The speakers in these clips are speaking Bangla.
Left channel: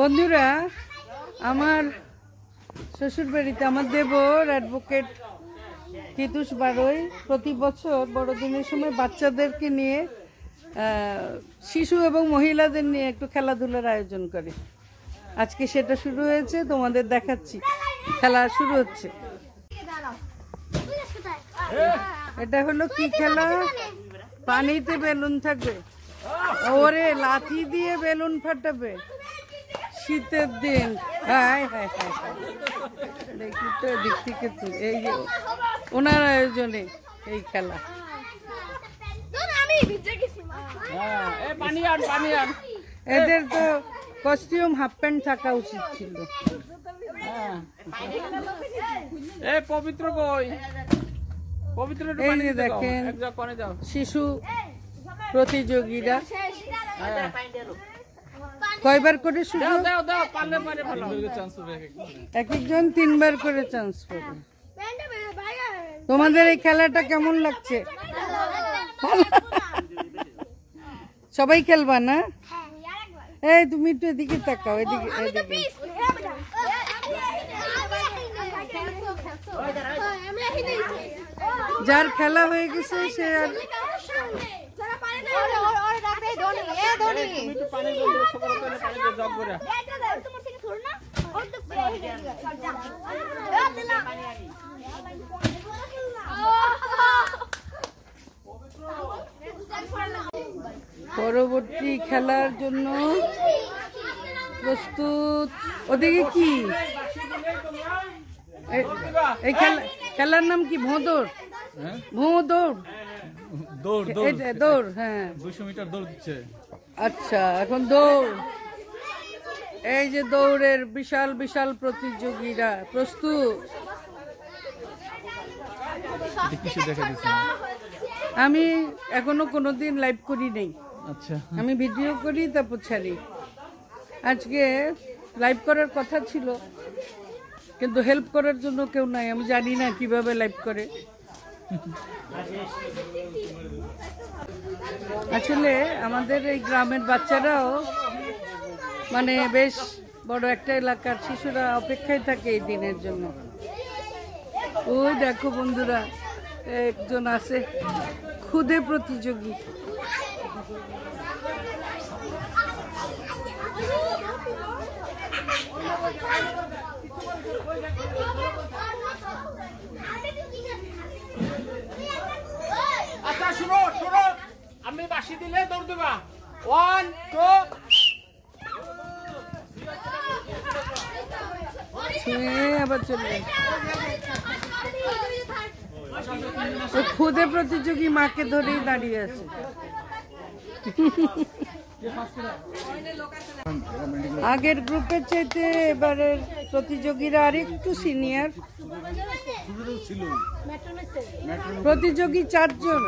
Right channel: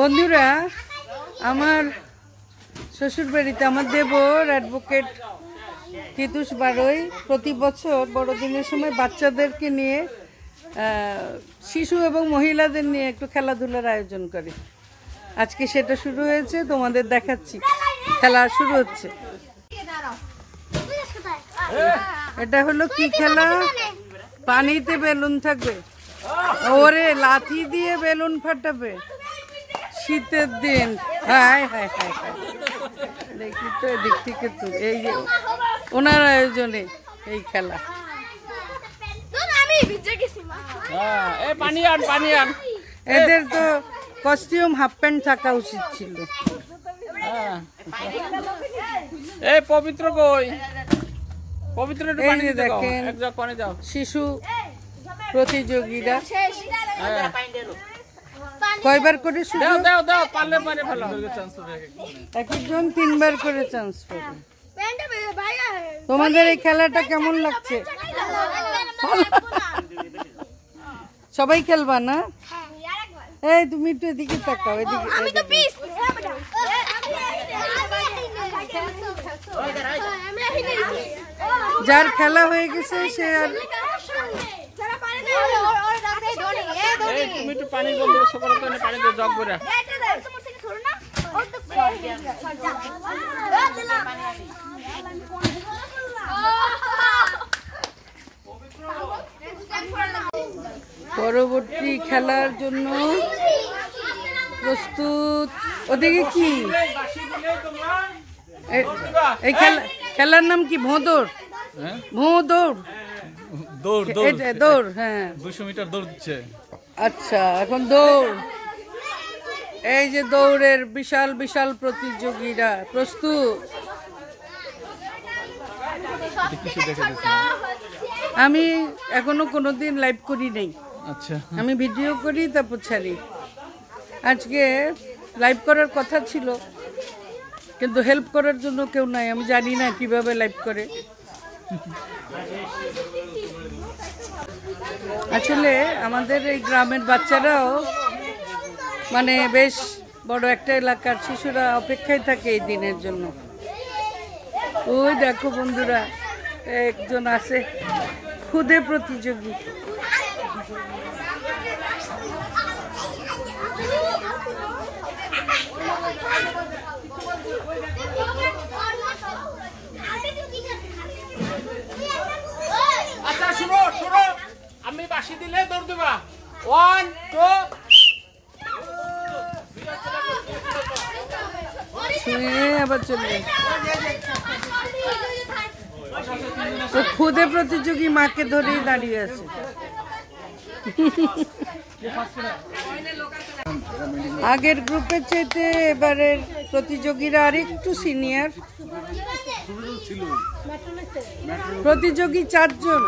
বন্ধুরা, আমার শ্বশুর বাড়িতে আমার দেবর অ্যাডভোকেট তিতুস বারোই প্রতি বছর বড়দিনের সময় বাচ্চাদেরকে নিয়ে শিশু এবং মহিলাদের নিয়ে একটু খেলাধুলার আয়োজন করে। আজকে সেটা শুরু হয়েছে, তোমাদের দেখাচ্ছি। খেলা শুরু হচ্ছে। এটা হলো কি খেলা? পানিতে বেলুন থাকবে, ওরে লাঠি দিয়ে বেলুন ফাটাবে শীতের দিন। হায় হায় হায় হায়, দেখি তো এদিক থেকে তো এই যে ওনার আয়োজনে এই খেলা। এদের তো কস্টিউম হাফ প্যান্ট থাকা উচিত ছিল। পবিত্র কই? পবিত্র এই যে দেখেন শিশু প্রতিযোগীরা কয়বার করে সুযোগ? এক একজন 3 বার করে চান্স পাবে। তোমাদের এই খেলাটা কেমন লাগছে? সবাই খেলবা না? এই তুমি একটু এদিকে তাকাও, এদিকে। যার খেলা হয়ে গেছে সে আর পরবর্তী খেলার জন্য প্রস্তুত। ওদিকে কি এই খেলার নাম কি? ভোঁদৌড়। ভোঁদৌড় দৌড়। হ্যাঁ, 200 মিটার দৌড় দিচ্ছে। আচ্ছা, এখন দৌড়। এই যে দৌড়ের বিশাল বিশাল প্রতিযোগীরা প্রস্তুত। আমি এখনো কোনোদিন লাইভ করি নাই। আচ্ছা, আমি ভিডিও করি তারপর ছাড়ি। আজকে লাইভ করার কথা ছিল, কিন্তু হেল্প করার জন্য কেউ নাই। আমি জানি না কিভাবে লাইভ করে। আসলে আমাদের এই গ্রামের বাচ্চারাও মানে বেশ বড় একটা এলাকার শিশুরা অপেক্ষায় থাকে এই দিনের জন্য। ওই দেখো বন্ধুরা, একজন আছে খুদে প্রতিযোগী। আচ্ছা শুনো, আমি বাঁশি দিলে দৌড় দেবা। 1 2 আবার চলবে। খুদে প্রতিযোগী মাকে ধরেই দাঁড়িয়ে আছে। আগের গ্রুপের চাইতে এবারের প্রতিযোগীরা আরেকটু সিনিয়র। প্রতিযোগী 4 জন।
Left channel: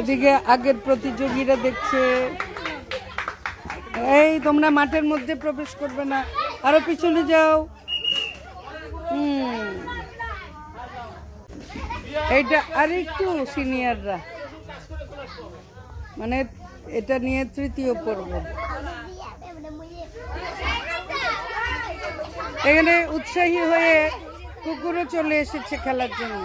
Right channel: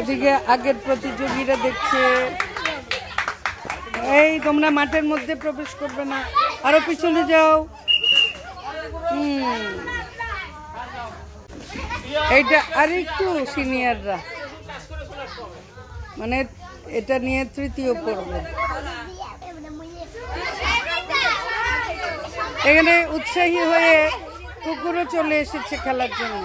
এদিকে আগের প্রতিযোগীরা দেখছে। এই তোমরা মাঠের মধ্যে প্রবেশ করবে না, আরো পিছনে যাও। এইটা আরেকটু সিনিয়ররা, মানে এটা নিয়ে 3য় পর্ব। এখানে উৎসাহী হয়ে কুকুরও চলে এসেছে খেলার জন্য।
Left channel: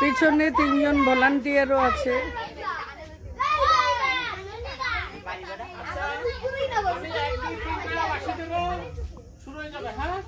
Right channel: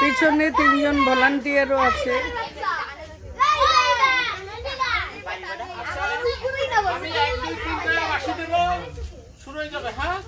পিছনে 3 জন ভলান্টিয়ারও আছে। শুরু হয়ে যাবে। হ্যাঁ,